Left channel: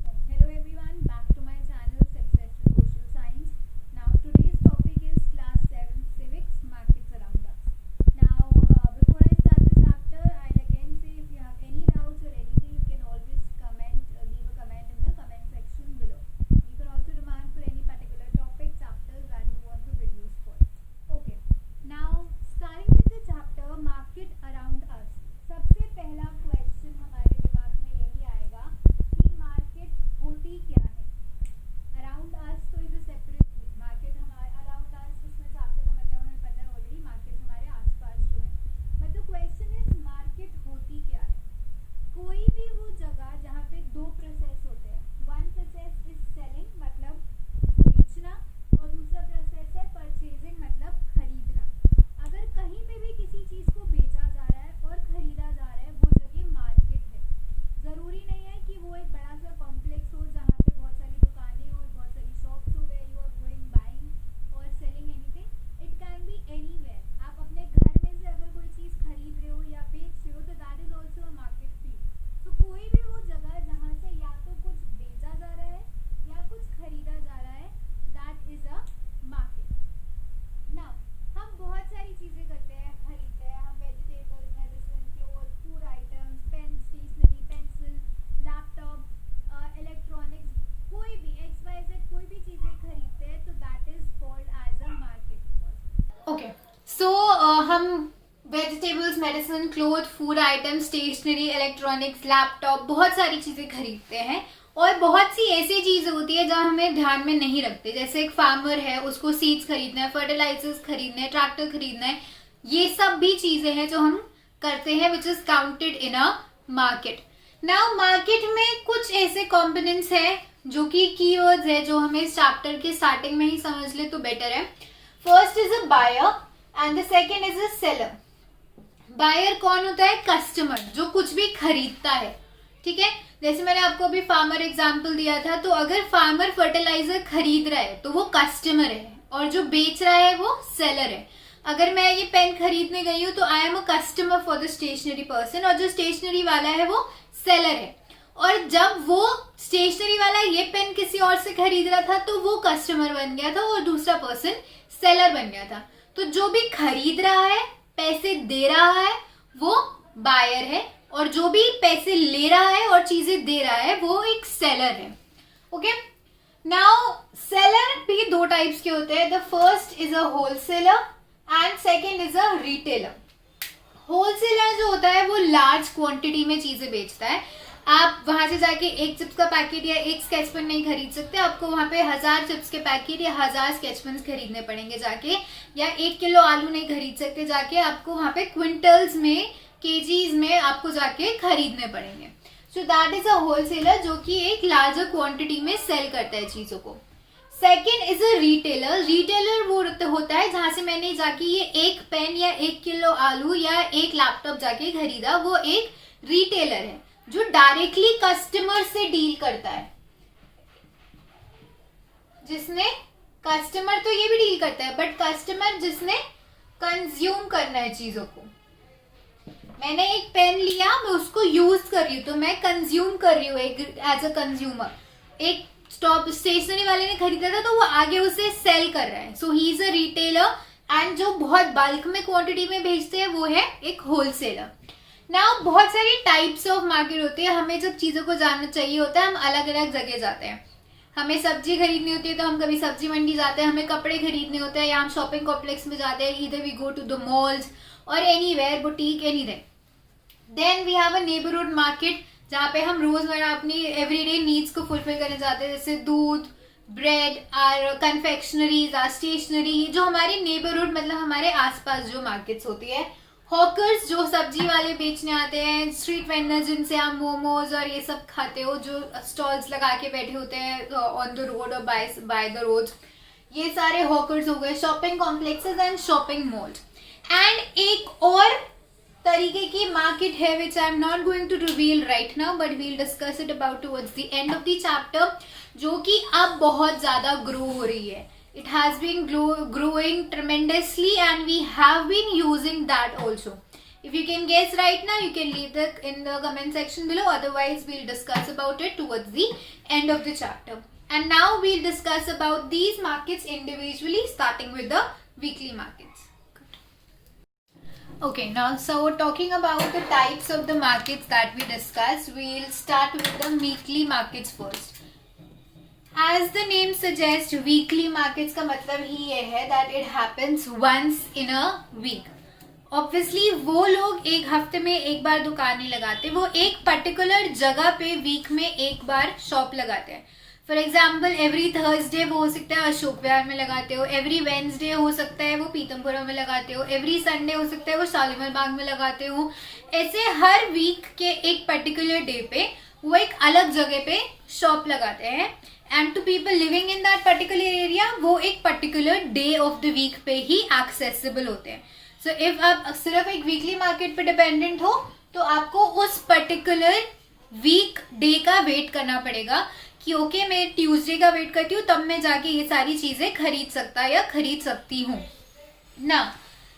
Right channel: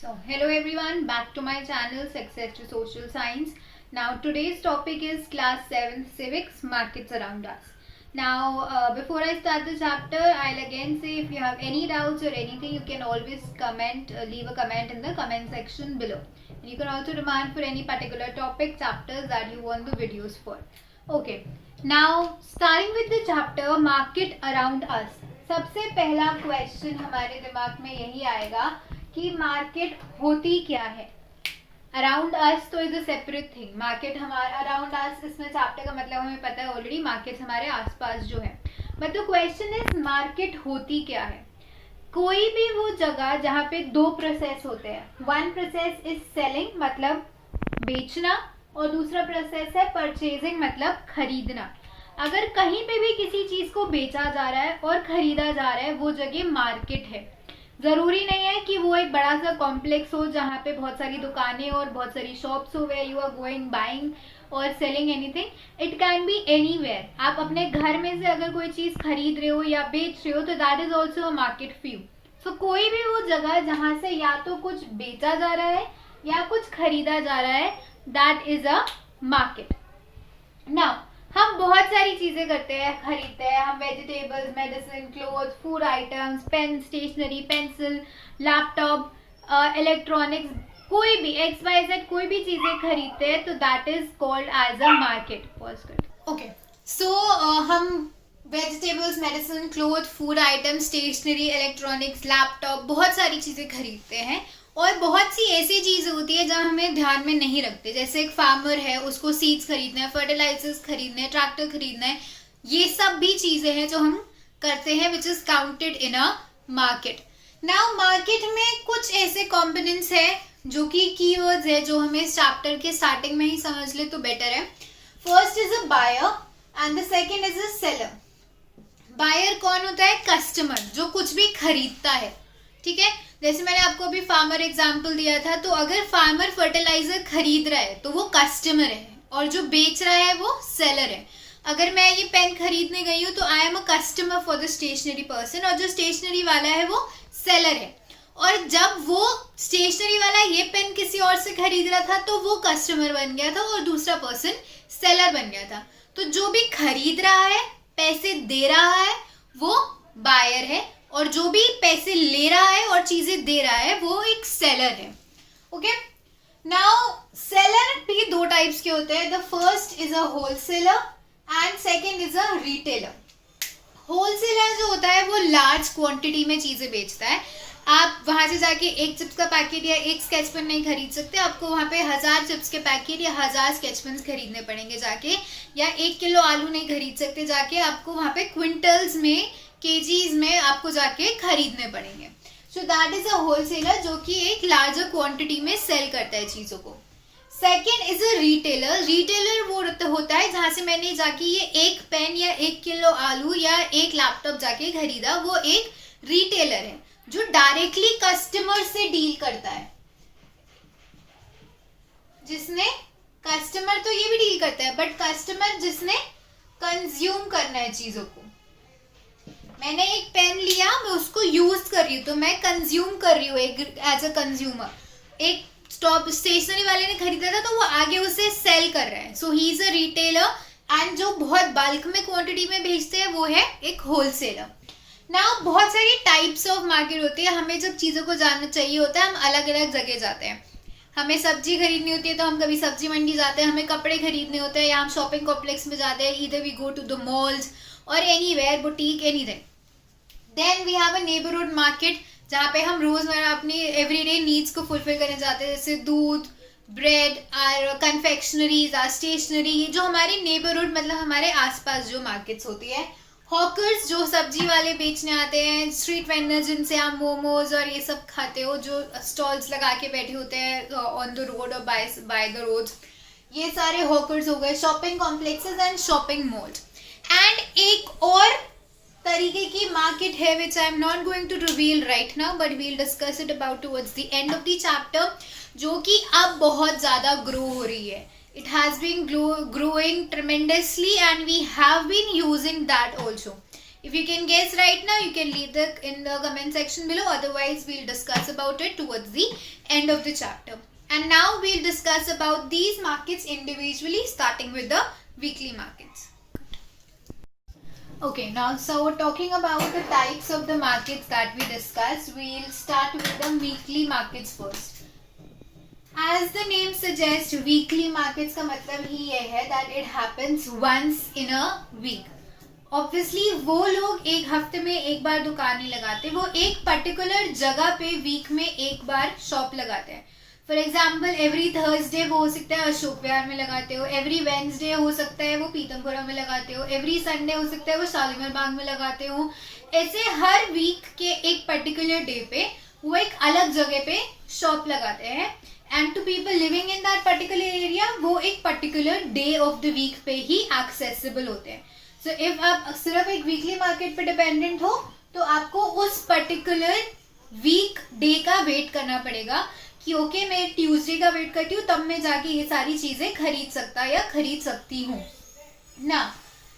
So, hello everyone, back to my channel Success to Social Science. Now, today's topic is Class 7 Civics Markets Around Us. Now, before I start the chapter, I'll again say if you have any doubts or anything, you can always comment, leave a comment in the comment section below. And you can also demand for any particular topic, chapters that you want the videos for. Okay, now starting with the chapter Market Around Us. सबसे पहला question हमारे दिमाग में यही आएगा कि market होती क्या है. अराउंड अस तो is a separate thing. Market हमारा अराउंड अस, इसमें चैप्टर का मतलब हमें पता है ऑलरेडी. मार्केट हमारे आसपास जो है, but the question is market होती क्या है. कोई भी वो जगह जहाँ पे दो प्रोसेस होते हैं. वन प्रोसेस इज सेलिंग मतलब बेचना, और दूसरा प्रोसेस है परचेजिंग मतलब खरीदना. अगर कहीं पे भी किसी चीज को बेचा जा रहा है और खरीदा जा रहा है, वो जगह मार्केट है. जरूरी नहीं है कि वो एक बड़ा सा कॉम्प्लेक्स हो जहाँ पे बहुत सारी दुकानें और बहुत सारी शॉप्स हो, where you are going buying और selling anything. It can be anywhere. आप अपने घर में से अगर कोई चीज खरीद रहे हो या बेच रहे हो तो that is also a market फ्यू. सो कोई भी वो जगह जहाँ से या तो कुछ बेचा जा रहा है या कुछ खरीदा जा रहा है, that is a market. Now हम बहुत सारी चीजें करते हैं, खरीदते हैं. हम vegetables, medicine, cloth, food items, pen, stationery, pencil, laptop, electronics, कोई भी XYZ कोई भी चीजें खरीदते हैं तो that is called as a market. Okay, so हम vegetables, medicine, cloth, food items, stationery, electronics, laptop, बहुत सारी चीजें खरीदते हैं. और बहुत सी ऐसी चीज़ें होती है जहाँ हमें ध्यान में नहीं रखते. जैसे एक फार्मर है, उसको सीड्स खरीदना है, फर्टिलाइजर्स खरीदना है, ट्रैक्टर खरीदना है. ये सब भी चीज़ें हैं जो हम करते हैं which is counted in a market. Now market में कुछ ऐसे कॉम्पोनेंट्स है जो कि कीवर्ड्स है जो हमें इस चैप्टर के स्टार्टिंग में ही समझ ले तो बेटर है. First is a buyer and the second is a seller. Buyer कौन होता है? कस्टमर, जो कुछ भी खरीदता है. ठीक है, जैसे मैंने आपको अभी फार्मर एग्जांपल दिया था, तो अगर फार्मर फर्टिलाइजर खरीद रहा है तो वो कस्टमर है, और जो बेच रहा है वो सेलर है. अगर मैं ये पेन खरीदने गई हूँ तो I am a customer for the stationery person, और जो स्टेशनरी वाला है वो सेलर है. और जब वो स्टेशनरी वाला ये पेन किसी और से खरीद रहा था तो वो कस्टमर बन गया था और दूसरा पर्सन सेलर बन गया था. तो जो भी खरीद रहा है, पैसे दे रहा है, वो बायर है, और जो भी पैसे ले रहा है और चीजें दे रहा है वो एक सेलर है. ओके, नाउ सेलर भी दो टाइप्स के होते हैं. The first is a wholesaler and second is a retailer. Wholesaler जो होता है वो लार्ज क्वांटिटी में चीजें बेचता है. आप वहां से जाके एक चिप्स का पैकेट या एक स्केच पेन नहीं खरीद सकते. आपको वहां पे 1000 चिप्स के पैकेट या 1000 स्केच पेन खरीदने पड़ेंगे जाके, या 1 किलो आलू नहीं खरीद सकते जाके. आपको वहां पे क्विंटल्स में, केजीज में आपको जाके खरीदने पड़ेंगे. सो दैट इज अ होलसेलर जो कि एक लार्जर क्वांटिटी में सेल करता है चीजों को. Second is a retailer. Retailer वो होता है जहां से मैंने जाके ये एक पेन या 1 किलो आलू या एक लैपटॉप जाके खरीदा, वो एक रिटेलर है जो डायरेक्टली कस्टमर से डील करता है. जिसने कस्टमर तो ये भी डील करता है, बट कस्टमर जिसने कंज्यूम करना है चीजों को. मैंने एक पेन लिया, मैं उसको यूज कर रही हूँ तो मैं कंज्यूम कर रही हूँ एज अ कंज्यूमर. एक स्टॉप स्टेशनरी वाले ने खरीदा था तो वो आगे उसे सेल कर रहा है. So he is a retailer. And जो बहुत बल्क में क्वांटिटी में भेजते हैं वो है एक होलसेलर. नाउ बहुत सारी टाइप्स ऑफ मार्केट होती है. हमें जब चीज़ों को जानना चाहिए होता है हम अलग अलग जगह जाते हैं. हमें सब्जी खरीदनी होती है तो हम कभी सब्जी मंडी जाते हैं. हमें कपड़े खरीदने होते हैं या हम शॉपिंग कॉम्प्लेक्स में जाते हैं. Either we go to the malls और anywhere, boutique, anything. Then we have a neighbourhood market जहाँ पे हम रोजमर्रा अपनी एवरीडे नीड्स को फुलफिल करने जाते हैं, जैसे दूध, bread, or confectioneries, or stationery. जो हमारी नेबरहुड मतलब हमारे आसपास जो मार्केट्स होती है. हॉकर्स जो सब्जी वाले बेचने आते हैं. स्ट्रीट वेंडर्स जिनसे आप मोमोज और ये सब खाते हो, जो स्टॉल्स लगा के बैठे होते हैं ऑन द रोड और बाय द रोड. ये सारे हॉकर्स हो गए. Shopping complexes and shopping malls. And एक और तरीके की मार्केट है which I am not going to reveal right now, but we'll discuss it about towards the end of the chapter, जो कि अब बहुत ज्यादा ग्रो हो रही है. It has been growing tremendously and we have been using that also. If you can guess right now, you can leave it in the comment section below. Otherwise, we'll discuss about it towards the end of the chapter. And now we'll discuss about these markets individually, starting with the weekly markets. Okay, now so talking about the types of the markets that we discussed, we'll start with the weekly markets first. As the name suggests, weekly markets का मतलब ही ये है that it happens once in a week. Obviously वो लोग एक हफ्ते में एक बार दुकान नहीं लगाते, वो एक पर्टिकुलर जगह पे वीक में एक बार शॉप लगाते हैं. फॉर एग्जाम्पल एवरी थर्सडे वो हो सकता है अशोक विहार में लगाते हो, एवरी वेंसडे हो सकता है वो पीतमपुरा में लगाते हो, एवरी संडे हो सकता है वो शालीमार बाग में लगाते हो. ऐसे हर वीक के एक पर्टिकुलर डे पे वो एक अलग जगह पे शॉप लगाते हैं. And to people living in that particular area वो एक particular day of the week पे ही एक्सेसिबल होते हैं. सो इफ आप सिर्फ एक वीकली मार्केट पे डिपेंडेंट हो तो आपको उस पर्टिकुलर वीक डे का वेट करना पड़ेगा कि ओके मैं ट्यूसडे का वेट करती हूँ तब मैं जाके ये सारी चीजें खरीद सकता या खरीद सकती हूँ ना.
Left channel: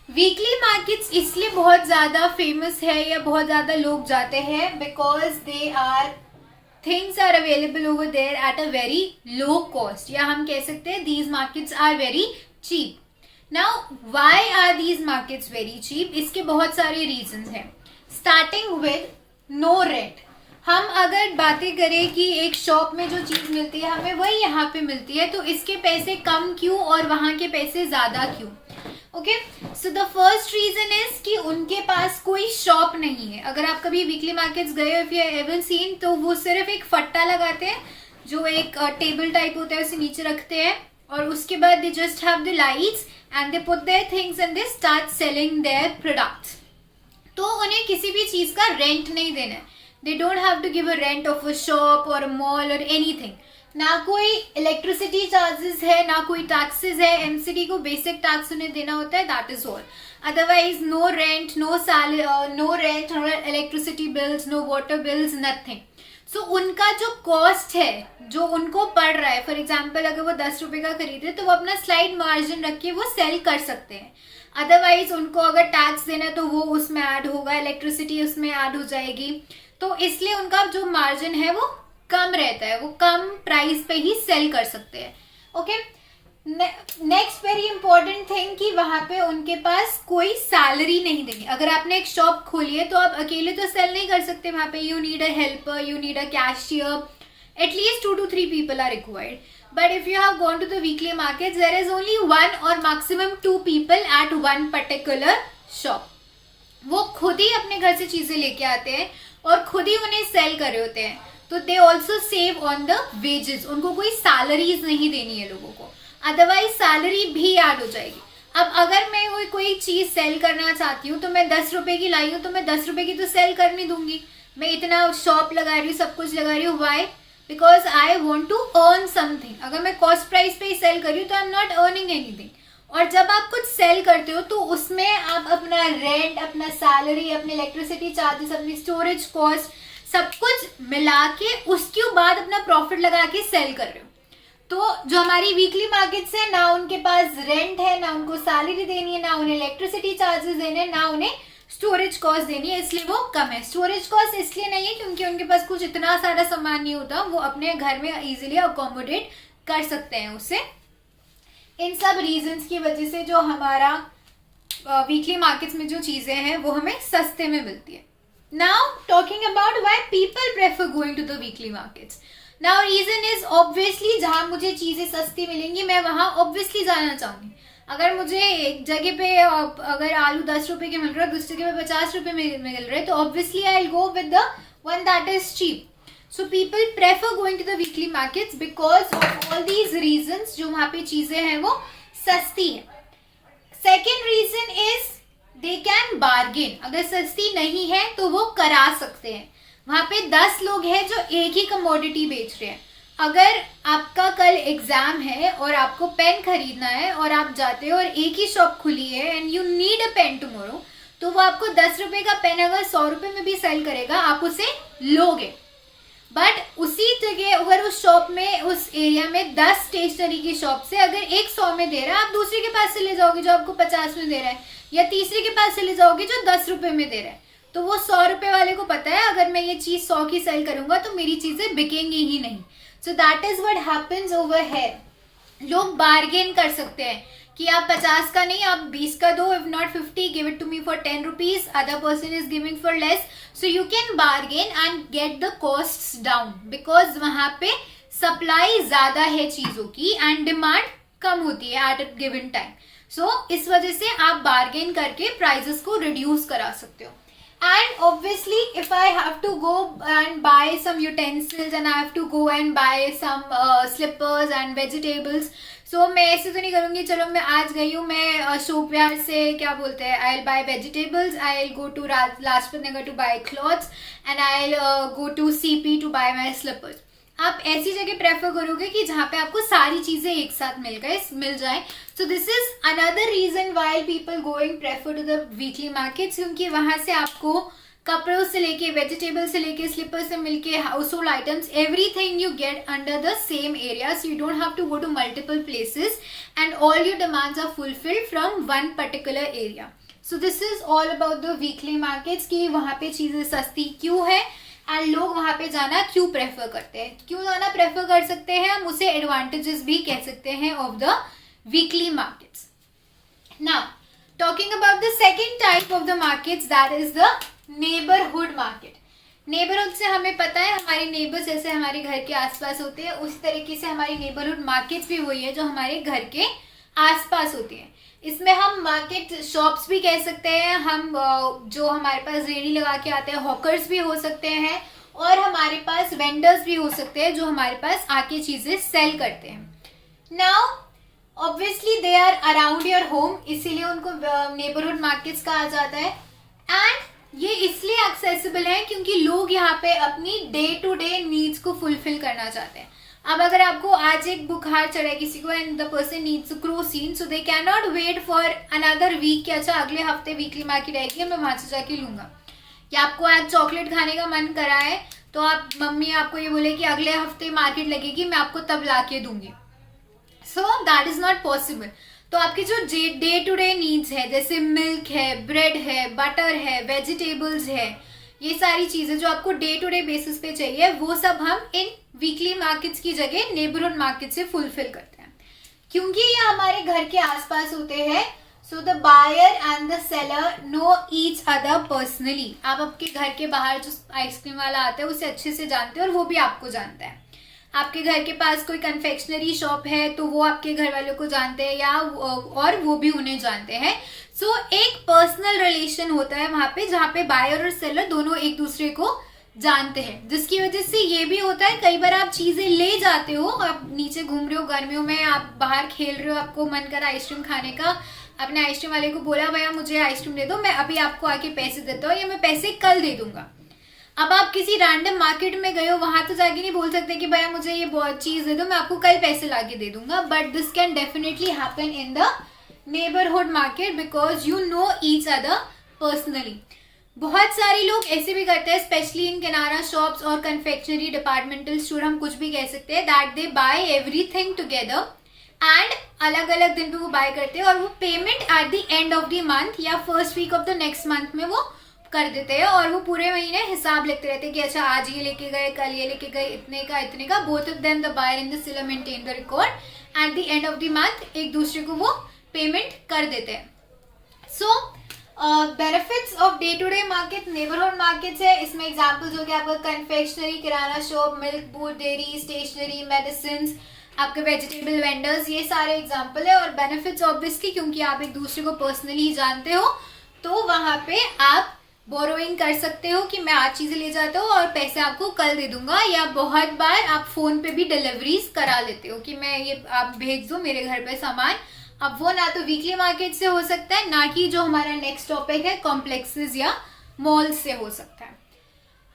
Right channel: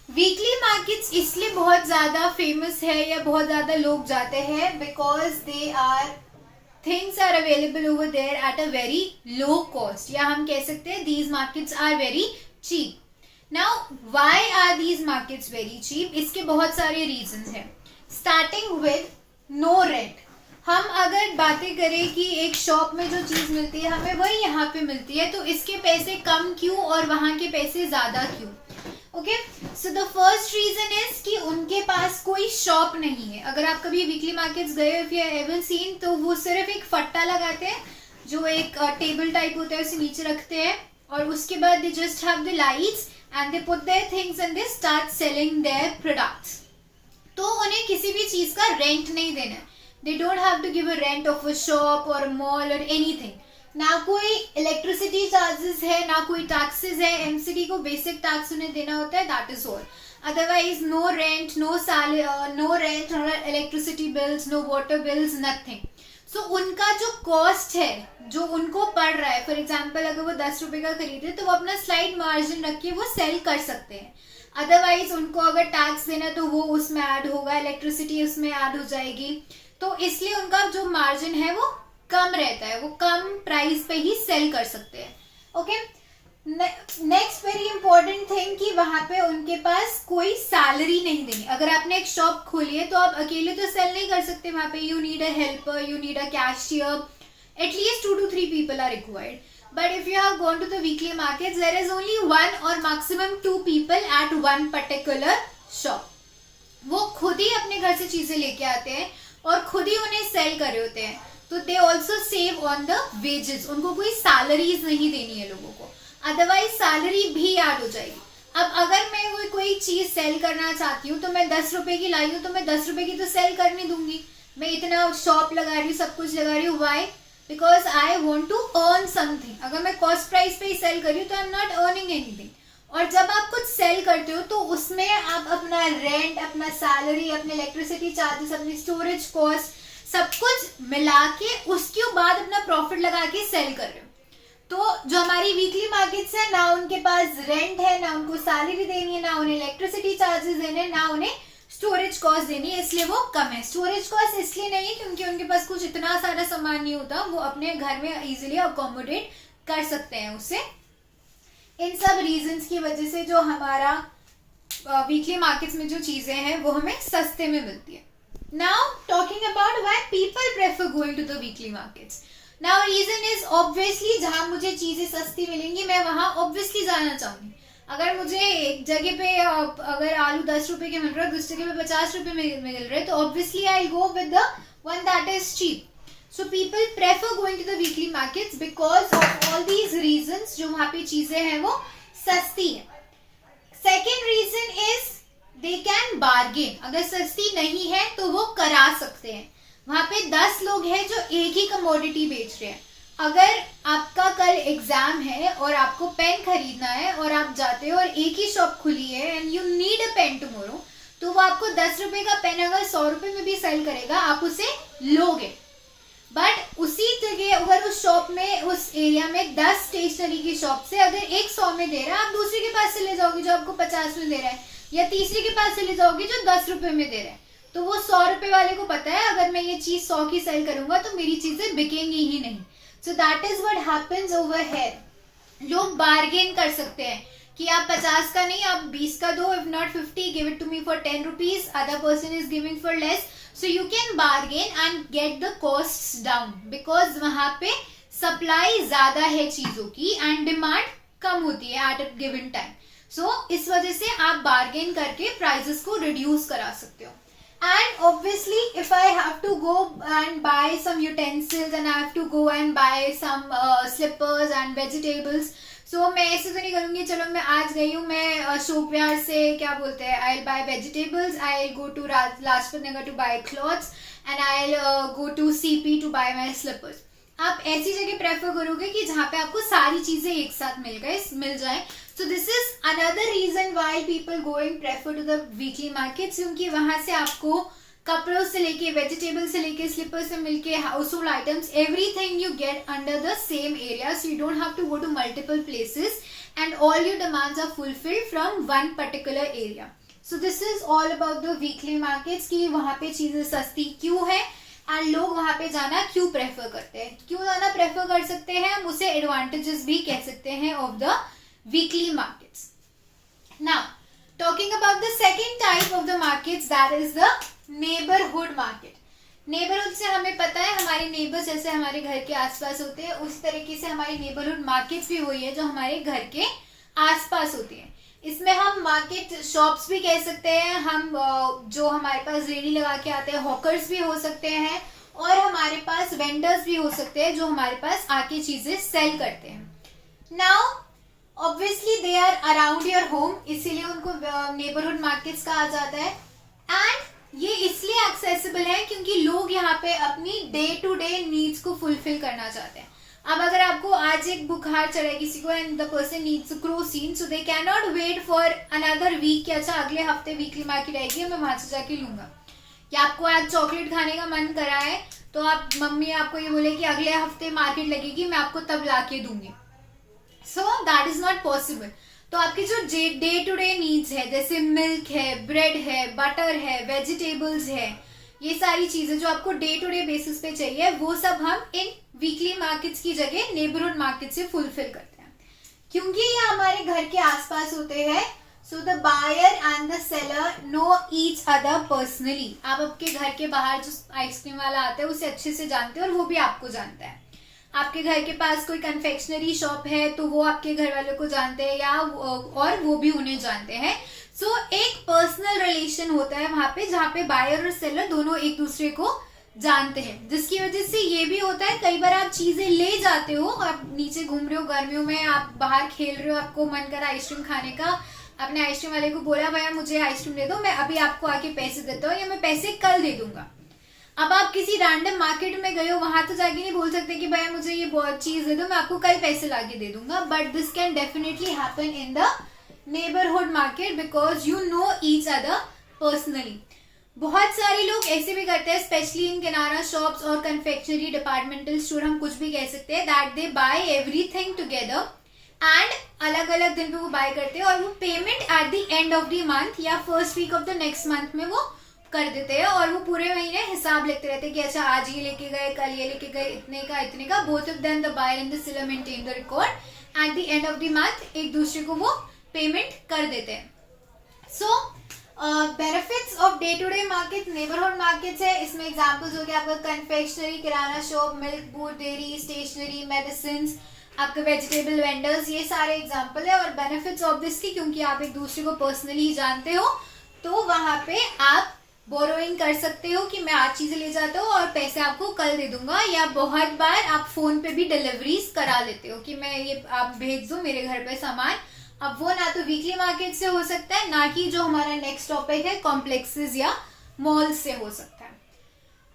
वीकली मार्केट्स इसलिए बहुत ज्यादा फेमस है या बहुत ज्यादा लोग जाते हैं because they are things are available over there at a very low cost, या हम कह सकते हैं these markets are very cheap. Now why are these markets very cheap? इसके बहुत सारे रीजंस हैं. Starting with no rent. हम अगर बातें करें कि एक शॉप में जो चीज मिलती है हमें वही यहाँ पे मिलती है, तो इसके पैसे कम क्यों और वहां के पैसे ज्यादा क्यों? Okay, so the first reason is कि उनके पास कोई शॉप नहीं है. अगर आप कभी वीकली मार्केट्स गए इफ यू एवर सीन, तो वो सिर्फ एक फट्टा लगाते हैं जो एक टेबल टाइप होता है, उसे नीचे रखते हैं और उसके बाद they just have the lights and they put their things and they start selling their products. तो उन्हें किसी भी चीज का रेंट नहीं देना है. They don't have to give a rent of a shop or a mall or anything. ना कोई इलेक्ट्रिसिटी चार्जेस है, ना कोई टैक्सेस है. एमसीडी को बेसिक टैक्स उन्हें देना होता है, that is all. Otherwise no rent, no electricity bills, no water bills, nothing. So उनका जो कॉस्ट है जो उनको पड़ रहा है, फॉर एग्जाम्पल अगर वो 10 रुपए का खरीदे तो वो अपना स्लाइड मार्जिन रख के वो सेल कर सकते हैं. अदरवाइज उनको अगर टैक्स देना है तो वो उसमें ऐड होगा, इलेक्ट्रिसिटी उसमें ऐड हो जाएगी, तो इसलिए उनका जो मार्जिन है वो कम रहता है, वो कम प्राइस पे ही सेल कर सकते हैं. Okay, next very important thing कि वहां पे उनके पास कोई सैलरी नहीं देनी. अगर आपने एक शॉप खोली है तो आप अकेले तो सेल नहीं कर सकते वहां पे. You need a helper, you need a cashier, at least 2 to 3 people are required. But if you have gone to the weekly markets, there is only 1 or maximum 2 people at one particular shop. वो खुद ही अपने घर से चीजें लेके आते हैं और खुद ही उन्हें सेल कर रहे होते हैं. तो they also save on the wages. उनको कोई सैलरीज नहीं देनी है लोगों को, अदरवाइज सैलरी भी ऐड हो जाएगी. अब अगर मैं कोई चीज सेल करना चाहती हूँ तो मैं 10 रुपए की लाई हूँ तो मैं 10 रुपए की तो सेल कर नहीं दूंगी. मैं इतना शॉप लगा रही हूँ, सब कुछ लगा रही हूँ, why? Because I want to earn something. अगर मैं कॉस्ट प्राइस पे ही सेल कर रही हूँ तो I am not earning anything. और जब आप कुछ सेल करते हो तो उसमें आप अपना रेंट, अपना सैलरी, अपने इलेक्ट्रिसिटी चार्जेस, अपनी स्टोरेज कॉस्ट सब कुछ मिला के उसके बाद अपना प्रॉफिट लगा के सेल कर रहे हो. तो जो हमारी वीकली मार्केट्स है, ना उनके पास रेंट है, ना उनको सैलरी देनी है, ना उन्हें इलेक्ट्रिसिटी चार्जेस देने, ना उन्हें स्टोरेज कॉस्ट देनी है, इसलिए वो कम है. स्टोरेज कॉस्ट इसलिए नहीं है क्योंकि उनके पास कुछ इतना सारा सामान नहीं होता, वो अपने घर में इजीली अकोमोडेट कर सकते हैं उसे. इन सब रीजंस की वजह से जो हमारा वीकली मार्केट्स में जो चीजें हैं वो हमें सस्ते में मिलती है. Now talking about why people prefer going to the weekly markets. Now reason is obviously जहां मुझे चीजें सस्ती मिलेंगी मैं वहां ऑब्वियसली जाना चाहूंगी. अगर मुझे एक जगह पे अगर आलू 10 रुपए के मिल रहा है, दूसरी जगह पे 50 रुपए में मिल रहे हैं, तो obviously I go with the one that is cheap. So people prefer going to the weekly markets because of all these reasons. जो वहाँ पे चीजें हैं वो सस्ती है. Second reason is they can bargain. अगर सस्ती नहीं है तो वो करा सकते हैं. वहाँ पे 10 लोग हैं जो एक ही कमोडिटी बेच रहे हैं. अगर आपका कल एग्जाम है और आपको पेन खरीदना है और आप जाते हो और एक ही शॉप खुली है and you need a pen tomorrow, तो वो आपको 10 रुपए का पेन अगर 100 रुपए में भी सेल करेगा आप उसे लोगे. बट उसी जगह अगर उस शॉप में, उस एरिया में 10 स्टेशनरी की शॉप से अगर एक 100 में दे रहा है, आप दूसरे के पास से ले जाओगे जो आपको 50 में दे रहा है, या तीसरे के पास से ले जाओगे जो 10 रुपए में दे रहा है, तो वो 100 रुपए वाले को पता है अगर मैं ये चीज 100 की सेल करूंगा तो मेरी चीजें बिकेंगी ही नहीं. सो that is what happens over here. लोग बार्गेन कर सकते हैं कि आप 50 का नहीं, आप 20 का दो, if not 50, give it to me for 10 rupees, other person is giving for less. So you can bargain and get the costs down, because वहां पे सप्लाई ज्यादा है चीजों की एंड डिमांड कम होती है एट अ गिवन टाइम. सो इस वजह से आप बार्गेन करके प्राइजेस को रिड्यूस करा सकते हो. And obviously, if I have to go and buy some utensils and I have to go and buy some slippers and vegetables, so मैं ऐसे तो नहीं करूँगी, चलो मैं आज गई हूँ, मैं अशोक विहार से क्या बोलते हैं, I'll buy vegetables, I'll go to Lajpat Nagar to buy clothes and I'll go to CP to buy my slippers. आप ऐसी जगह प्रेफर करोगे कि जहाँ पे आपको सारी चीजें एक साथ मिल जाए. So this is another reason why people going prefer to the weekly markets, क्योंकि वहां से आपको कपड़ों से लेके, वेजिटेबल से लेके, स्लीपर से मिलके, house hold items, everything you get under the same area. So you don't have to go to multiple places and all your demands are fulfilled from one particular area. So this is all about the weekly markets कि वहां पे चीजें सस्ती क्यों है and लोग वहां पे जाना क्यों प्रेफर करते हैं. क्यों जाना प्रेफर कर सकते हैं, हम उसे एडवांटेजेस भी कह सकते हैं of the weekly markets. Now talking about the second type of the markets, that is the neighbourhood market. Neighbourhood से हमें पता है हमारे नेबर्स जैसे हमारे घर के आसपास होते हैं, उसी तरीके से हमारी नेबरहुड मार्केट्स भी वही है जो हमारे घर के आसपास होती है. इसमें हम मार्केट शॉप्स भी कह सकते हैं, हम जो हमारे पास रेडी लगा के आते हैं हॉकर्स भी हो सकते हैं, और हमारे पास वेंडर्स भी हो सकते हैं जो हमारे पास आके चीजें सेल करते हैं. Now obviously they are around your home, इसीलिए उनको नेबरहुड मार्केट्स कहा जाता है. एंड ये इसलिए एक्सेसिबल है क्योंकि लोग यहाँ पे अपनी डे टू डे नीड्स को फुलफिल करना चाहते हैं. अब अगर आपको आज एक बुखार चढ़ा है किसी को and the person needs Crocin, so they can not wait for another week कि अच्छा अगले हफ्ते वीकली मार्केट आएगी मैं वहां से जाके लूंगा. या आपको आज चॉकलेट खाने का मन करा है तो आप, मम्मी आपको ये बोले कि अगले हफ्ते मार्केट लगेगी, मैं आपको तब ला के दूंगी. सो दैट इज नॉट पॉसिबल. तो आपकी जो डे टू डे नीड्स है, जैसे मिल्क है, ब्रेड है, बटर है, वेजिटेबल्स है, ये सारी चीजें जो आपको डे टू डे बेसिस पे चाहिए, वो सब हम इन वीकली मार्केट्स की जगह नेबरहुड मार्केट से फुलफिल करते हैं. क्योंकि ये हमारे घर के आसपास होते हैं, so the buyer and the seller know each other personally. आप आपके घर के बाहर जो आइसक्रीम वाला आता है उसे अच्छे से जानते हैं और वो भी आपको जानता है. आपके घर के पास कोई कन्फेक्शनरी शॉप है तो वो आपके घर वालों को जानते हैं, या और वो भी उन्हें जानते हैं. सो एक पर्सनल रिलेशन होता है वहां पे, जहाँ पे बायर और सेलर दोनों एक दूसरे को जानते हैं. जिसकी वजह से ये भी होता है कई बार आप चीजें ले जाते हो, आप नीचे घूम रहे हो गर्मियों में, आप बाहर खेल रहे हो, आपको मन करा आइसक्रीम खाने का, अपने आइसक्रीम वाले को बोला भैया मुझे आइसक्रीम दे दो, मैं अभी आपको आके पैसे देता हूँ या मैं पैसे कल दे दूंगा. अब आप किसी रैंडम मार्केट में गए हो, वहां तो जाके नहीं बोल सकते कि भैया मुझे ये बहुत चीज दे दो, मैं आपको कल पैसे लाके दे दूंगा. But this can definitely happen in the neighbourhood market because you know each other personally. बहुत सारे लोग ऐसे भी करते हैं, स्पेशली इन किराना शॉप्स और कन्फेक्शनरी डिपार्टमेंटल स्टोर, हम कुछ भी कह सकते हैं, that they buy everything together and अलग अलग दिन पे वो बाय करते हैं, और वो payment at the end of the month या first week of the next month में वो कर देते हैं, और वो पूरे महीने हिसाब लिखते रहते हैं कि अच्छा आज ये लेके गए, कल ये लेके गए, इतने का इतने का. Both of them the buyer and the seller maintain the record at the end of the month, एक दूसरे को वो पेमेंट कर देते हैं. So benefits of day to day market neighbourhood markets है. इसमें एग्जांपल्स हो गया आपका confectionery, kirana shop, milk booth, dairy, stationery, medicine, आपके वेजिटेबल वेंडर्स, ये सारे एग्जांपल है. और बेनिफिट्स ऑब्वियसली क्योंकि आप एक दूसरे को पर्सनली ही जानते हो, तो वहां पे आप बोरोइंग कर सकते हो कि मैं आज चीजें ले जाता हूँ और पैसे आपको कल दे दूंगा, या बहुत बार आप फोन पे भी डिलीवरीज करा लेते हो कि मैं ये आप भेज दो मेरे घर पे सामान. अब वो ना तो वीकली मार्केट से हो सकता है, ना कि जो हमारा नेक्स्ट टॉपिक है कॉम्प्लेक्सेस या मॉल से हो सकता है.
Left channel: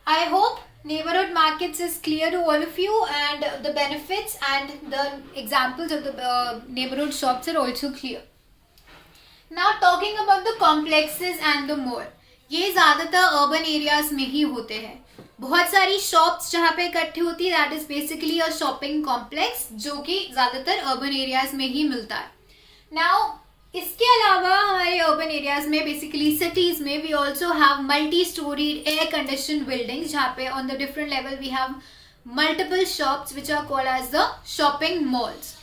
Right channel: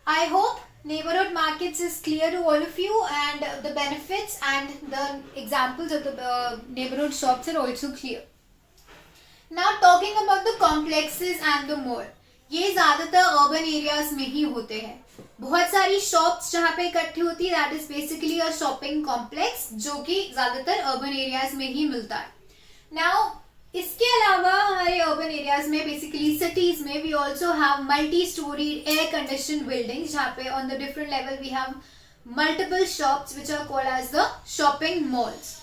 I hope neighborhood markets is clear to all of you, and the benefits and the examples of the neighborhood shops are also clear. Now talking about the complexes and the mall. ये ज्यादातर urban areas में ही होते हैं. बहुत सारी shops जहाँ पे इकट्ठी होती है, that is basically a shopping complex, जो कि ज्यादातर अर्बन एरियाज में ही मिलता है. नाउ इसके अलावा हमारे अर्बन एरियाज में, बेसिकली सिटीज में, we also have multi storey air condition buildings, जहाँ पे on the different level we have multiple shops which are called as the shopping malls.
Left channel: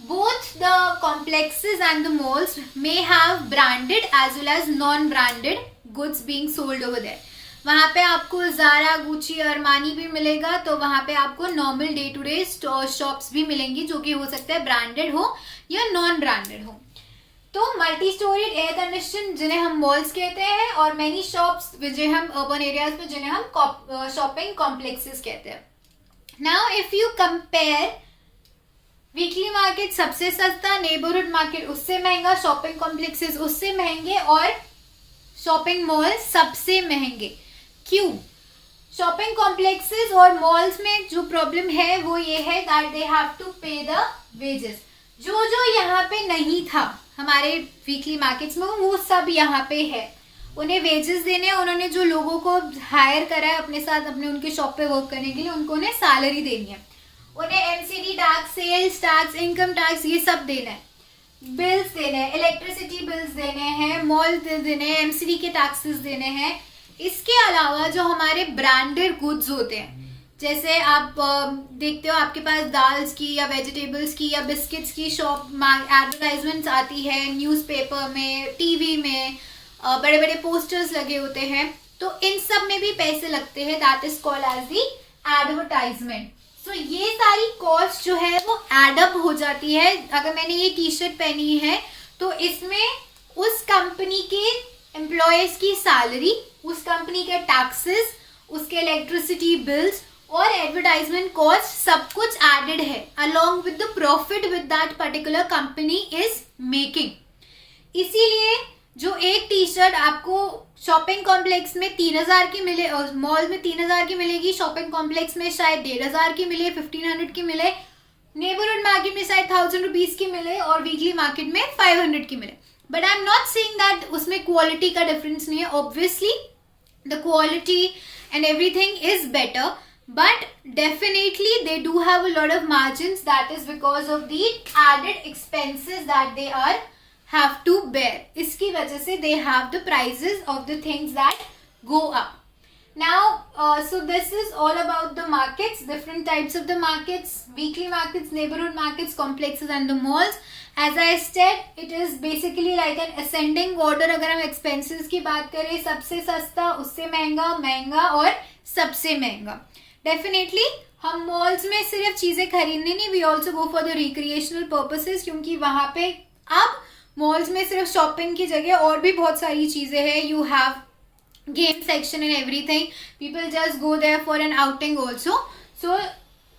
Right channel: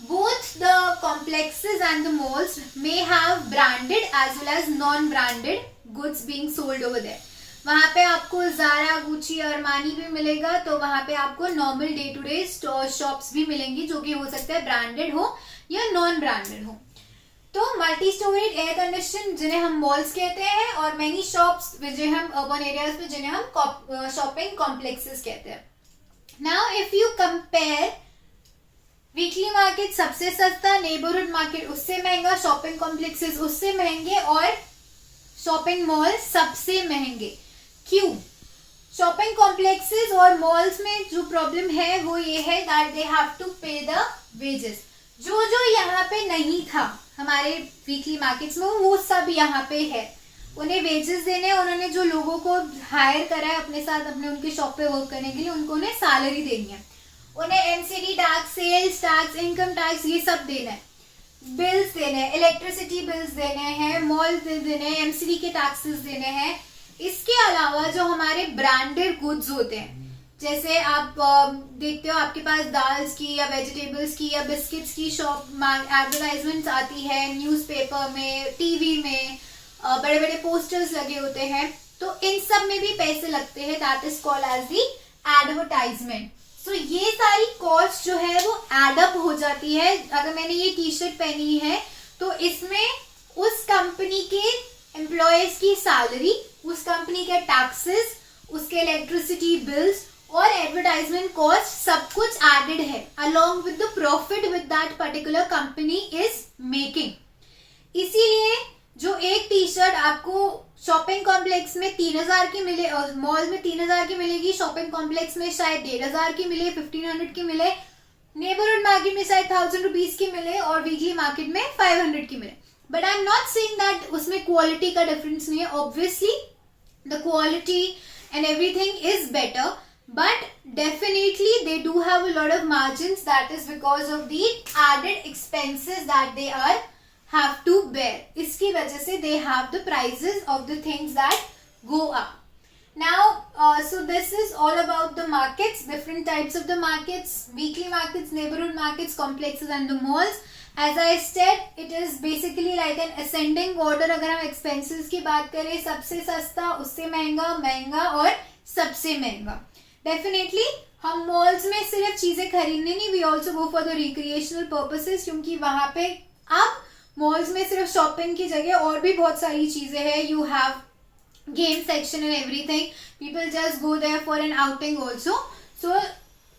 Both the complexes and the malls may have branded as well as non-branded goods being sold over there. वहाँ पे आपको Zara, Gucci, Armani भी मिलेगा, तो वहाँ पे आपको normal day to day shops भी मिलेंगी, जो कि हो सकता है ब्रांडेड हो या नॉन ब्रांडेड हो. तो मल्टी स्टोरीड एयर कंडीशन जिन्हें हम मॉल्स कहते हैं, और मेनी शॉप्स जिन्हें हम अर्बन एरियाज में जिन्हें हम शॉपिंग कॉम्प्लेक्सेस कहते हैं. Now if you compare, weekly market सबसे सस्ता, नेबरहुड मार्केट उससे महंगा, शॉपिंग कॉम्प्लेक्सेस उससे महंगे, और शॉपिंग मॉल सबसे महंगे. क्यों? शॉपिंग कॉम्प्लेक्सेस और मॉल्स में जो प्रॉब्लम है वो ये है दैट दे हैव टू पे द वेजेस. जो जो यहाँ पे नहीं था हमारे वीकली मार्केट्स में, वो सब यहाँ पे है. उन्हें वेजेस देने हैं, उन्होंने जो लोगों को हायर करा है अपने साथ अपने उनके शॉप पे वर्क करने के लिए, उनको उन्हें सैलरी देनी है, उन्हें MCD tax, sales tax, income tax, ये सब देना है, बिल्स देने हैं, इलेक्ट्रिसिटी बिल्स देने हैं, मॉल देने हैं, एमसीडी के टैक्सेस देने हैं. इसके अलावा जो हमारे ब्रांडेड गुड्स होते हैं, जैसे आप देखते हो आपके पास दाल्स की या वेजिटेबल्स की या बिस्किट्स की शॉप एडवर्टाइजमेंट्स आती है न्यूज़पेपर में, टीवी में, बड़े बड़े पोस्टर्स लगे होते हैं, तो इन सब में भी पैसे लगते हैं, that is called as the advertisement. So ये सारी कॉस्ट जो है वो एडअप हो जाती है. अगर मैंने ये टी शर्ट पहनी है तो इसमें उस कंपनी के एम्प्लॉयज की सैलरी, उस कंपनी के टैक्सेस, उसके इलेक्ट्रिसिटी बिल्स और एडवर्टाइजमेंट कॉस्ट सब कुछ एडेड है, along with the profit with that particular company is making. इसीलिए जो एक टी शर्ट आपको शॉपिंग कॉम्प्लेक्स में 3000 की मिले, मॉल में 3000 की मिलेगी, शॉपिंग कॉम्प्लेक्स में शायद 1500 की मिले, 1500 की मिले, नेबरहुड मार्केट में शायद 1000 रुपीज की मिले, और वीकली मार्केट में 500 की मिले. But I am not saying that उसमें क्वालिटी का डिफरेंस नहीं है. Obviously the quality and everything is better, but definitely they do have a lot of margins, that is because of the added expenses that they are have to bear. इसकी वजह से they have the prices of the things that go up. Now so this is all about the markets, different types of the markets, weekly markets, neighborhood markets, complexes and the malls. As I said, it is basically like an ascending order. अगर हम expenses की बात करें, सबसे सस्ता, उससे महंगा, महंगा और सबसे महंगा. डेफिनेटली हम मॉल्स में सिर्फ चीजें खरीदने नहीं, we also go for the recreational purposes, क्योंकि वहां पे अब मॉल्स में सिर्फ शॉपिंग की जगह और भी बहुत सारी चीजें हैं. You have game section and everything, people just go there for an outing also. So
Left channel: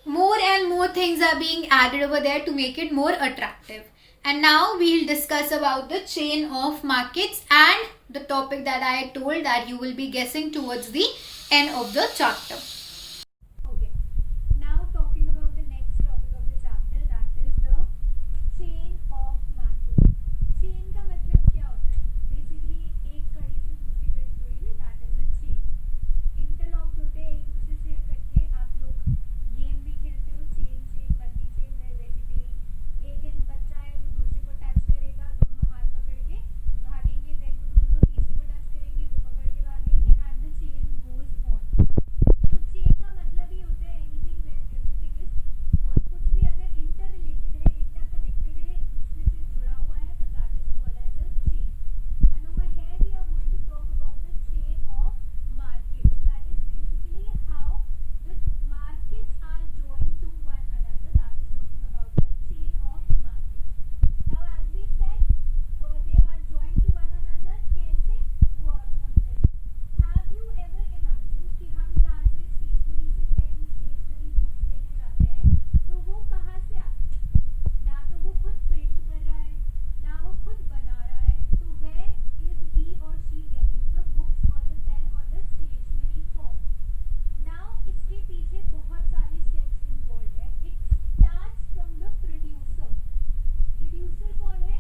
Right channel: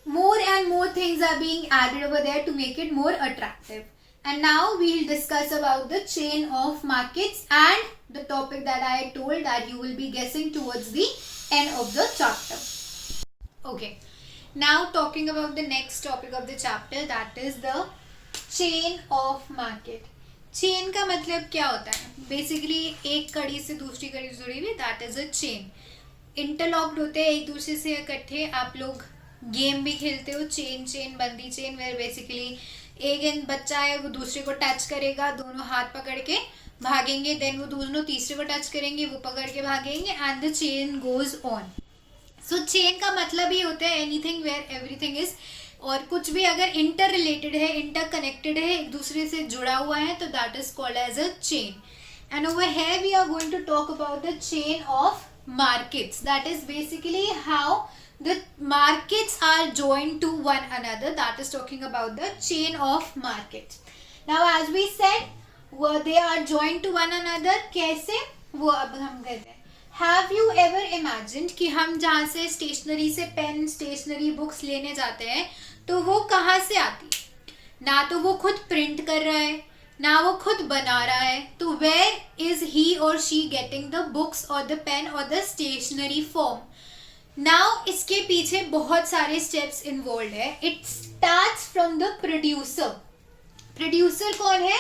more and more things are being added over there to make it more attractive. And now we'll discuss about the chain of markets and the topic that I told that you will be guessing towards the end of the chapter. Okay, now talking about the next topic of the chapter, that is the chain of market. Chain का मतलब क्या होता है? Basically एक कड़ी से दूसरी कड़ी जुड़ी हुई, that is a chain. Interlocked होते हैं एक दूसरे से इकट्ठे. आप लोग गेम भी खेलते हो, चेन बंदी चेन, वेयर बेसिकली एक बच्चा है वो दूसरे को टच करेगा, दोनों हाथ पकड़ के भागेंगे, देन वो दोनों तीसरे को टच करेंगे, वो पकड़ के भागेंगे, and the chain goes on. So chain का मतलब ही होता है एनीथिंग वेयर एवरीथिंग इज, और कुछ भी अगर इंटर रिलेटेड है, इंटर कनेक्टेड है, एक दूसरे से जुड़ा हुआ है, तो that is called as a chain. And over here we are going to talk about the chain of markets. That is basically how the markets are joined to one another. That is talking about the chain of markets. Now as we said, they are joined to one another. कैसे? वो अब हम कहते हैं. Have you ever imagined कि हम जहाँ से स्टेशनरी से पेन, स्टेशनरी बुक्स लेने जाते हैं, तो वो कहाँ से आती है? ना तो वो खुद प्रिंट कर रहा है, ना वो खुद बना रहा है. तो where is he or she getting the books or the pen or the stationery form? Now इसके पीछे बहुत सारे स्टेप्स इन्वॉल्व है. It starts from the producer. Producer कौन है?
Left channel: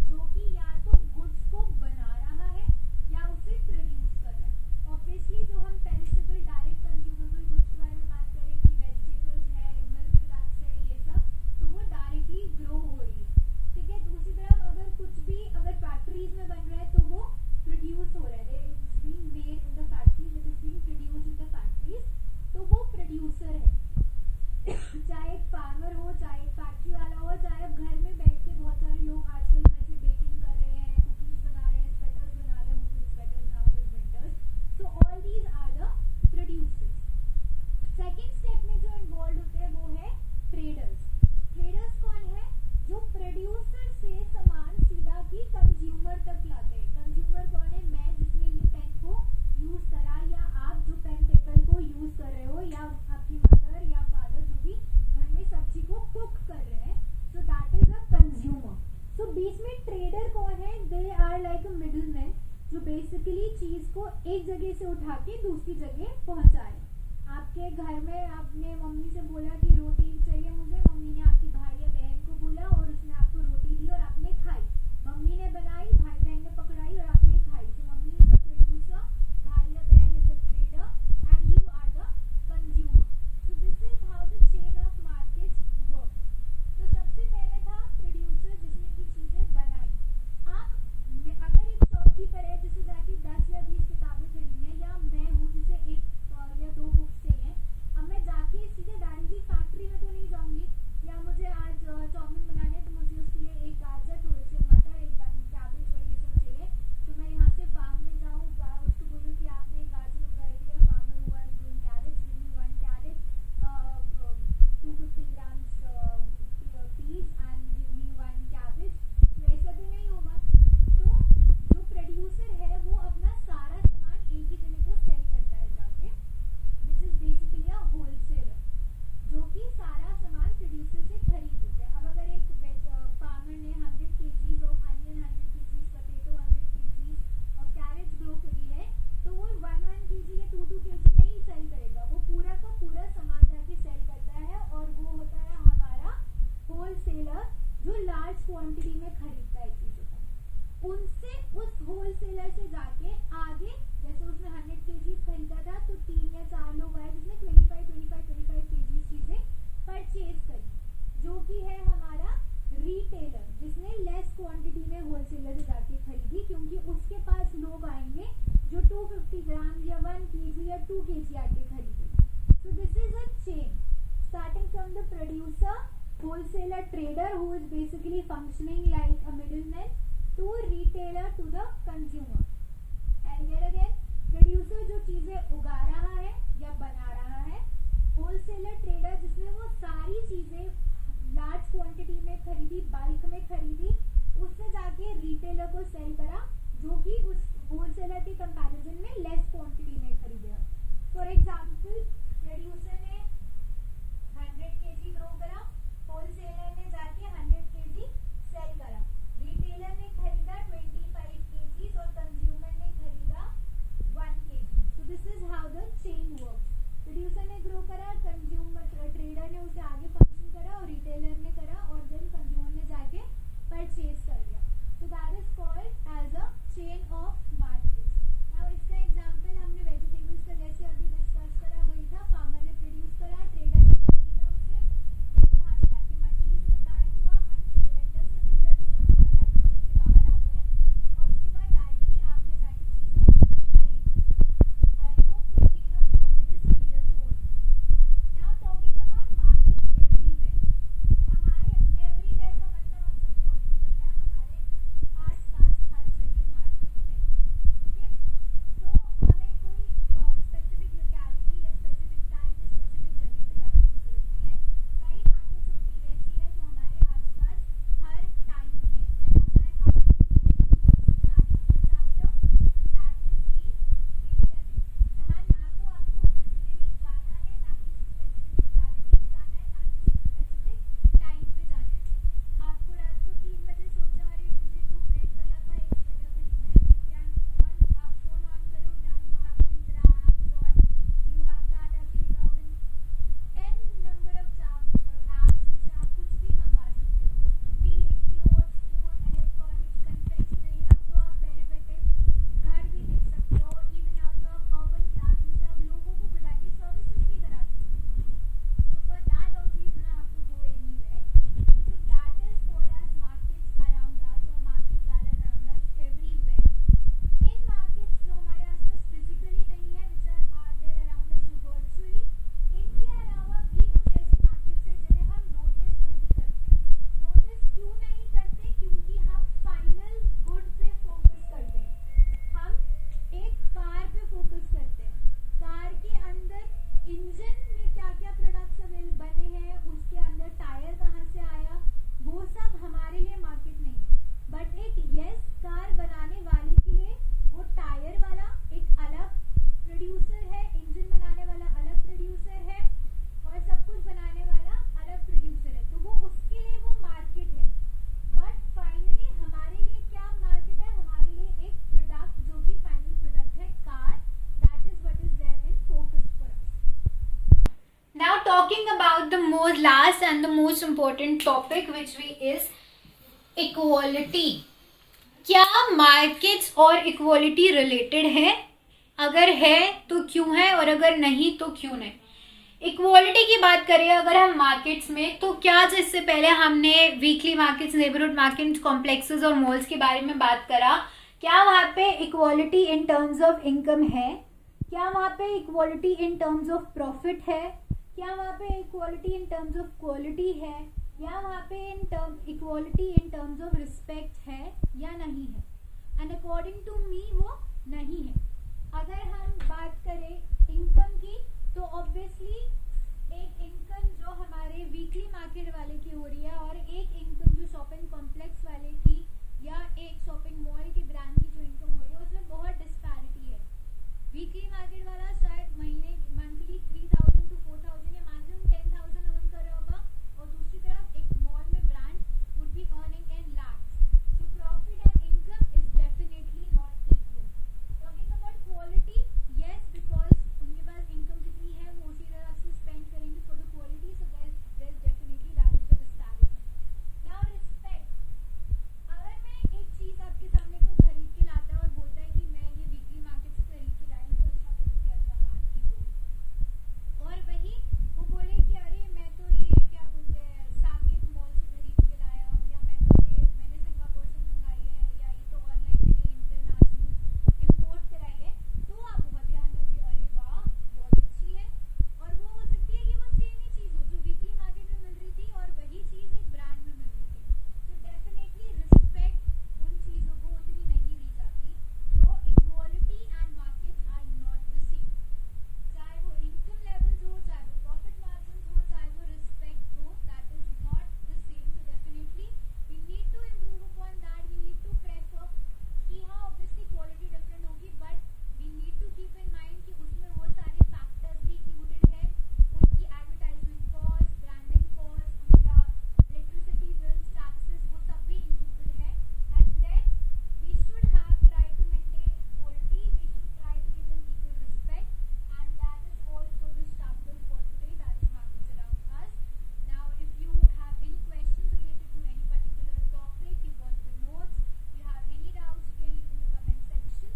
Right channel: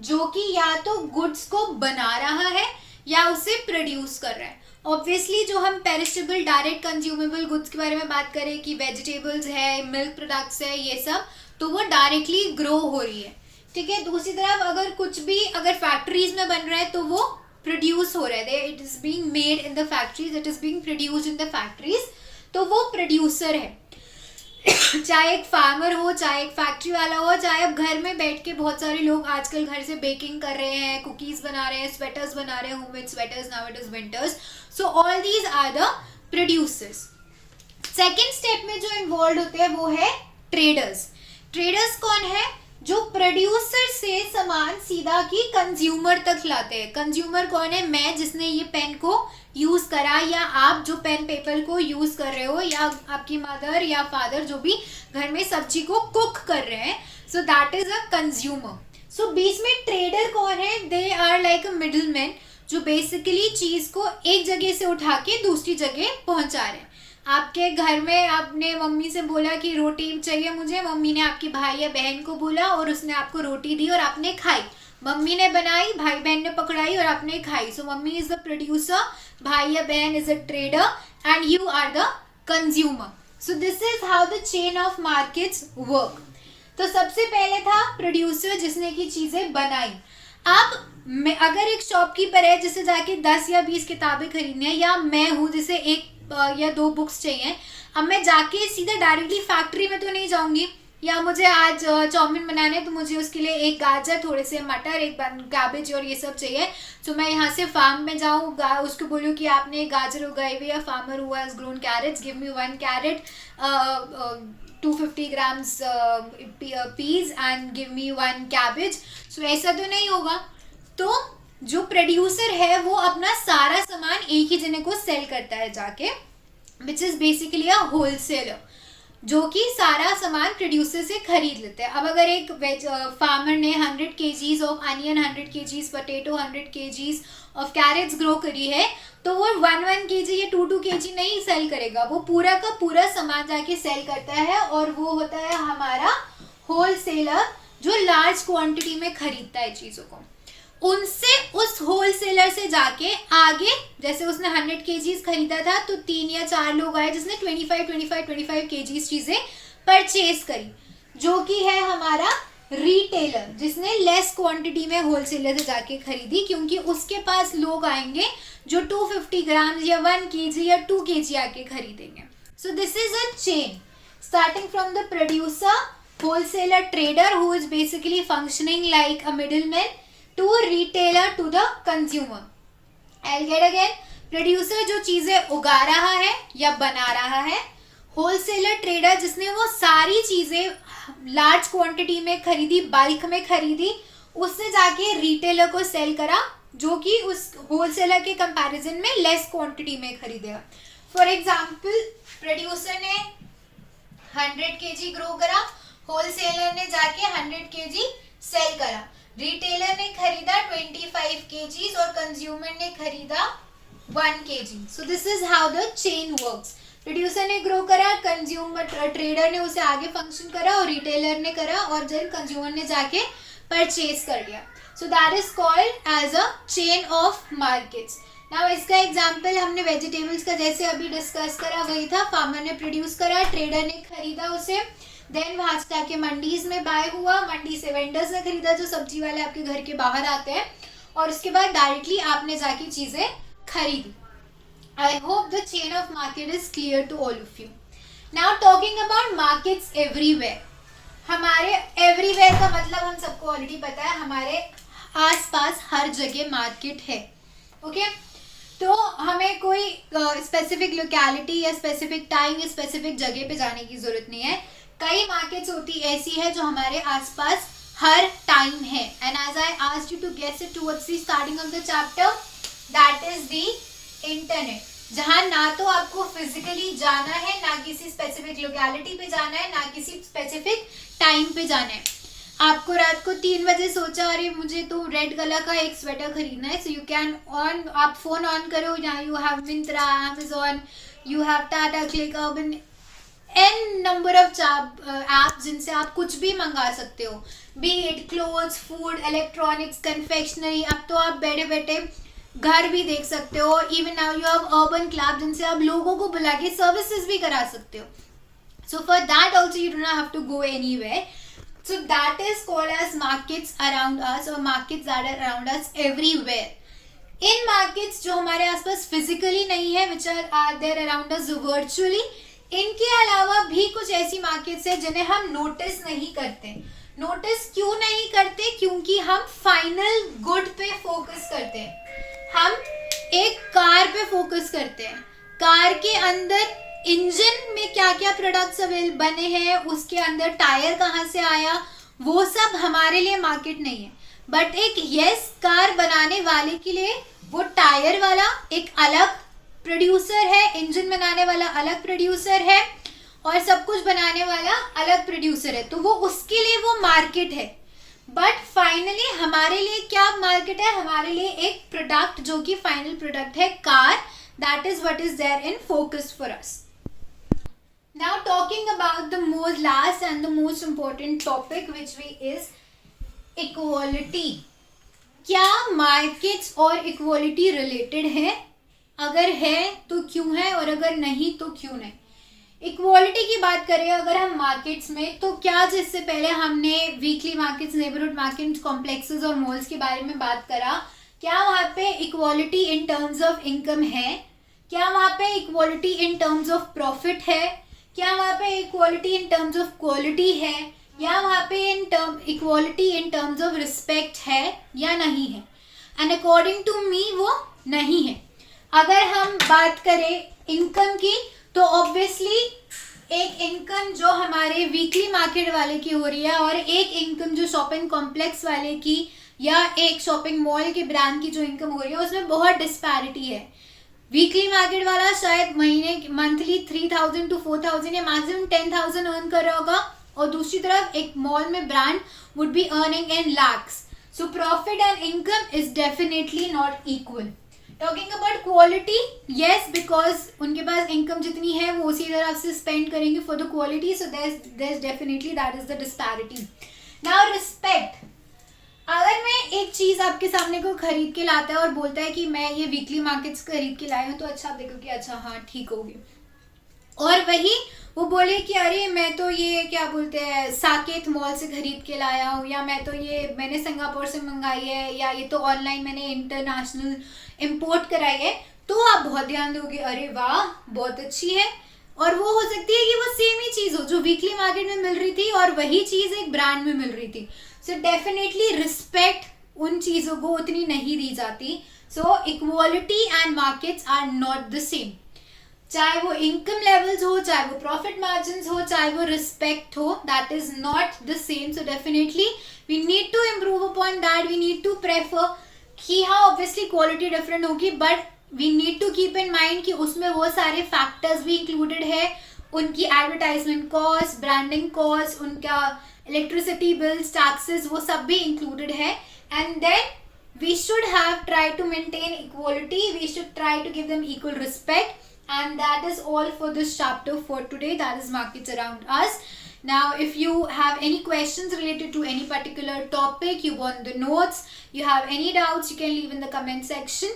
जो कि या तो गुड्स को बना रहा है या उसे प्रोड्यूस कर रहा है। ऑब्वियसली जो हम पेरिशेबल डायरेक्ट कंज्यूमेबल गुड्स के बारे में बात करें कि वेजिटेबल्स है, मिल्क प्रोडक्ट्स है, ये सब, तो वो डायरेक्टली ग्रो हो रही है, ठीक है। दूसरी तरफ अगर कुछ भी अगर फैक्ट्रीज में बन रहा है तो वो प्रोड्यूस हो रहा है, it is being made in the factories, it is being produced in the factories, तो वो प्रोड्यूसर है। चाहे एक फार्मर हो, चाहे एक फैक्ट्री वाला हो, चाहे अब घर में बैठ के बहुत सारे लोग आजकल घर से बेकिंग कर रहे हैं, कुकीज बना रहे हैं, स्वेटर्स बना रहे हैं, homemade sweaters, now it is winters, so all these are the producers. Second step में जो इन्वॉल्व होते हैं वो है ट्रेडर्स। ट्रेडर्स कौन है? जो प्रोड्यूसर से सामान सीधा की कंज्यूमर तक लाते हैं। कंज्यूमर कौन है? मैं, जिसने ये पेन को यूज करा, या आप जो पेन पेपर को यूज कर रहे हो, या आपकी मदर या फादर जो भी घर में सब्जी को कुक कर रहे हैं, so that is a consumer. So बीच में ट्रेडर कौन है? They are like a middle man, जो बेसिकली चीज को एक जगह से उठा के दूसरी जगह पहुंचा रहे हैं। आपके घर में आपने मम्मी से बोला कि रोटी चाहिए मुझे, मम्मी ने आपके भाई या बहन को बोला और उसने आपको रोटी दी और आपने खाई। मम्मी ने बनाई, भाई बहन ने पकड़ाई और आपने खाई। So mummy is the producer, भाई या बहन is a trader and you are the consumer. So this is how the chain of markets work. तो सबसे पहले था प्रोड्यूसर जिसने की चीजें बनाई। अब अगर एक शॉपकीपर है जिसे जाके 10 या 20 किताबें खरीदनी है, या मैं हूँ जिसे 1 या 2 बुक्स चाहिए, अब मैं जाके सीधा डायरेक्टली फैक्ट्री में तो नहीं जाऊंगी, या मुझे आज चाउमीन बनाना है तो मुझे उसके लिए एक गाजर, थोड़े से मटर, एक कैबेज और ये सब चाहिए। तो मैं यहाँ से फार्म में जाऊँ, उसको बोलूँ कि आपने गाजर उगाई हुई है, फार्मर हुआ has grown carrots, give me 1 carrot, 250 grams peas and give me 1 cabbage। So ऐसा तो नहीं होगा। तो जो प्रोड्यूसर है वो अपना सारा सामान एक ही जने को सेल करता है जाके, which is basically a wholesaler, जो कि सारा सामान प्रोड्यूसर से खरीद लेते हैं। अब अगर एक फार्मर ने 100 kgs of onion, 100 kgs potato, 100 kgs of carrots grow करी है, तो वो 1 kg या 2 kg नहीं सेल करेगा, वो पूरा का पूरा सामान जाके सेल करता है, और वो होता है हमारा होलसेलर, जो लार्ज क्वांटिटी में खरीदता है चीजों को। उनसे, उस होलसेलर से जाके आगे, जैसे उसने 100 kgs खरीदा था, तो 3 या 4 लोग आए जिसने 25 kgs चीजें परचेज करी, जो कि है हमारा रिटेलर, जिसने लेस क्वांटिटी में होलसेलर से जाके खरीदी, क्योंकि उसके पास लोग आएंगे जो 250 ग्राम या 1 kg या 2 kg आके खरीदेंगे। सो this is a chain starting from the producer, wholesaler, trader who is basically functioning like a middleman, to retailer to the consumer। I'll get again, producer जो चीजें उगा रहा है या बना रहा है, होलसेलर ट्रेडर जिसने वो सारी चीजें लार्ज क्वांटिटी में खरीदी, बल्क में खरीदी, उससे जाके रिटेलर को सेल करा, जो कि उस होलसेलर के कंपैरिजन में लेस क्वांटिटी में खरीदेगा। फॉर एग्जाम्पल, प्रोड्यूसर ने 100 kg ग्रो करा, होलसेलर ने जाके 100 kg सेल करा, रिटेलर ने खरीदा 25 kgs और कंज्यूमर ने खरीदा 1 kg। So this is how the chain works. Producer ने ग्रो करा, कंज्यूमर ट्रेडर ने उसे आगे फंक्शन करा, और रिटेलर ने करा, और देन कंज्यूमर ने जाके परचेज कर लिया। So that is called as a chain of markets. Now इसका एग्जांपल हमने वेजिटेबल्स का जैसे अभी डिस्कस करा वही था। फार्मर ने प्रोड्यूस करा, ट्रेडर ने खरीदा उसे, देन वहां से जाके मंडीज में बाय हुआ, मंडी से वेंडर्स ने खरीदा जो सब्जी वाले आपके घर के बाहर आते हैं, और उसके बाद डायरेक्टली आपने जाके चीजें खरीदी। I hope the chain of market is clear to all of you. Now talking about markets everywhere. हमारे एवरीवेयर का मतलब हम सबको ऑलरेडी पता है, हमारे आसपास हर जगह मार्केट है, ओके। तो हमें कोई स्पेसिफिक लोकेलिटी या स्पेसिफिक टाइम या स्पेसिफिक जगह पे जाने की जरूरत नहीं है। कई मार्केट्स होती ऐसी है जो हमारे आसपास हर टाइम है, and as I asked you to guess it towards the starting of the chapter, that is the internet, जहां ना तो आपको फिजिकली जाना है, ना किसी स्पेसिफिक लोकेलिटी पे जाना है, ना किसी स्पेसिफिक टाइम पे जाना है। आपको रात को 3 बजे सोचा, अरे मुझे तो रेड कलर का एक स्वेटर खरीदना है, सो यू कैन ऑन, आप फोन ऑन करो, यहाँ you have Myntra, Amazon, you have Tata click, urban, n number of app जिनसे आप कुछ भी मंगा सकते हो, B it clothes, food, electronics, confectionery. अब तो आप बैठे बैठे घर भी देख सकते हो, even now you have urban club जिनसे आप लोगों को बुला के सर्विसेज भी करा सकते हो. So for that also you do not have to go anywhere. So that is called as markets around us, or markets that are around us everywhere. In markets जो हमारे आसपास physically नहीं है, which are there around us virtually, इनके अलावा भी कुछ ऐसी मार्केट्स है जिन्हें हम नोटिस नहीं करते. नोटिस क्यों नहीं करते? क्योंकि हम फाइनल गुड पे फोकस करते हैं. हम एक कार पे फोकस करते हैं. कार के अंदर इंजन में क्या क्या प्रोडक्ट्स अवेलेबल बने हैं, उसके अंदर टायर कहाँ से आया, वो सब हमारे लिए मार्केट नहीं है. बट एक कार बनाने वाले के लिए वो टायर वाला एक अलग प्रोड्यूसर है, इंजन बनाने वाला अलग प्रोड्यूसर है, और सब कुछ बनाने वाला अलग प्रोड्यूसर है. तो वो उसके लिए वो मार्केट है. बट फाइनली हमारे लिए क्या मार्केट है? हमारे लिए एक प्रोडक्ट जो कि फाइनल प्रोडक्ट है, car. That is what is there in focus for us. Now talking about the most last and the most important topic which is equality. क्या markets और equality related है? अगर है तो क्यों है, और अगर नहीं तो क्यों नहीं? इक्वालिटी की बात करें अगर हम मार्केट्स में, तो क्या जिससे पहले हमने weekly markets, neighbourhood markets, complexes और मॉल्स के बारे में बात करा, क्या वहाँ पे equality in terms of income है? क्या वहाँ पे equality in terms of profit है? क्या वहाँ पे equality in terms of quality है? या वहाँ पे equality in terms of respect है या नहीं है? एंड अकॉर्डिंग टू मी वो नहीं है. अगर हम बात करें इनकम की, तो ऑब्वियसली एक इनकम जो हमारे वीकली मार्केट वाले की हो रही है, और एक इनकम जो शॉपिंग कॉम्प्लेक्स वाले की या एक शॉपिंग मॉल के ब्रांड की जो इनकम हो रही है, उसमें बहुत डिस्पैरिटी है. वीकली मार्केट वाला शायद मंथली 3,000 to 4,000 या मैक्सिमम 10,000 अर्न कर रहा होगा, और दूसरी तरफ एक मॉल में brand would be earning in lakhs. So profit and income is definitely not equal. Talking about quality, yes, because उनके पास इनकम जितनी है वो उसी तरह से स्पेंड करेंगे for the quality. So there's definitely that is the disparity. Now respect. अगर मैं एक चीज़ आपके सामने को खरीद के लाता है और बोलता है कि मैं ये वीकली मार्केट्स खरीद के लाया हूँ, तो अच्छा आप देखो कि अच्छा हाँ ठीक होगी, और वही वो बोले कि अरे मैं तो ये क्या बोलते हैं साकेत मॉल से खरीद के लाया हूँ, या मैं तो ये मैंने सिंगापुर से मंगाई है, या ये तो ऑनलाइन मैंने इंटरनेशनल इम्पोर्ट कराई है, तो आप बहुत ध्यान दोगे, अरे वाह बहुत अच्छी है. और वो हो सकती है कि वो सेम ही चीज़ हो जो वीकली मार्केट में मिल रही थी, और वही चीज़ एक ब्रांड में मिल रही थी. सो डेफिनेटली रिस्पेक्ट उन चीज़ों को उतनी नहीं दी जाती. So equality and markets are not the same. चाहे वो इनकम लेवल्स हो, चाहे वो प्रॉफिट मार्जिन हो, चाहे वो रिस्पेक्ट हो, that is not the same. So definitely we need to improve upon that. We need to prefer कि हाँ ऑब्वियसली क्वालिटी डिफरेंट होगी, but we need to keep in mind कि उसमें वो सारे फैक्टर्स भी इंक्लूडेड है. उनकी एडवर्टाइजमेंट कॉस्ट, ब्रांडिंग कॉस्ट, उनका इलेक्ट्रिसिटी बिल्स, टैक्सेस, वो सब भी इंक्लूडेड है. And then we should have tried to maintain equality. We should try to give them equal respect. And that is all for this chapter for today. That is markets around us. Now if you have any questions related to any particular topic, you want the notes, you have any doubts, you can leave in the comment section.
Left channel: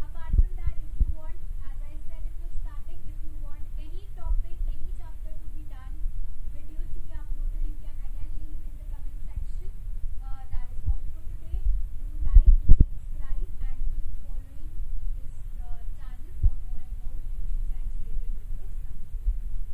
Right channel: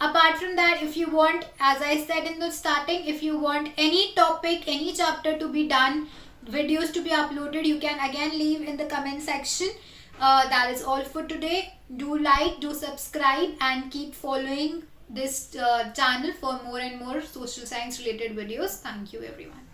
Apart from that, if you want, as I said in the starting, if you want any topic, any chapter to be done, videos to be uploaded, you can again leave in the comment section. That is all for today. Do like, do subscribe, and keep following this channel for more and more social science related videos. Thank you everyone.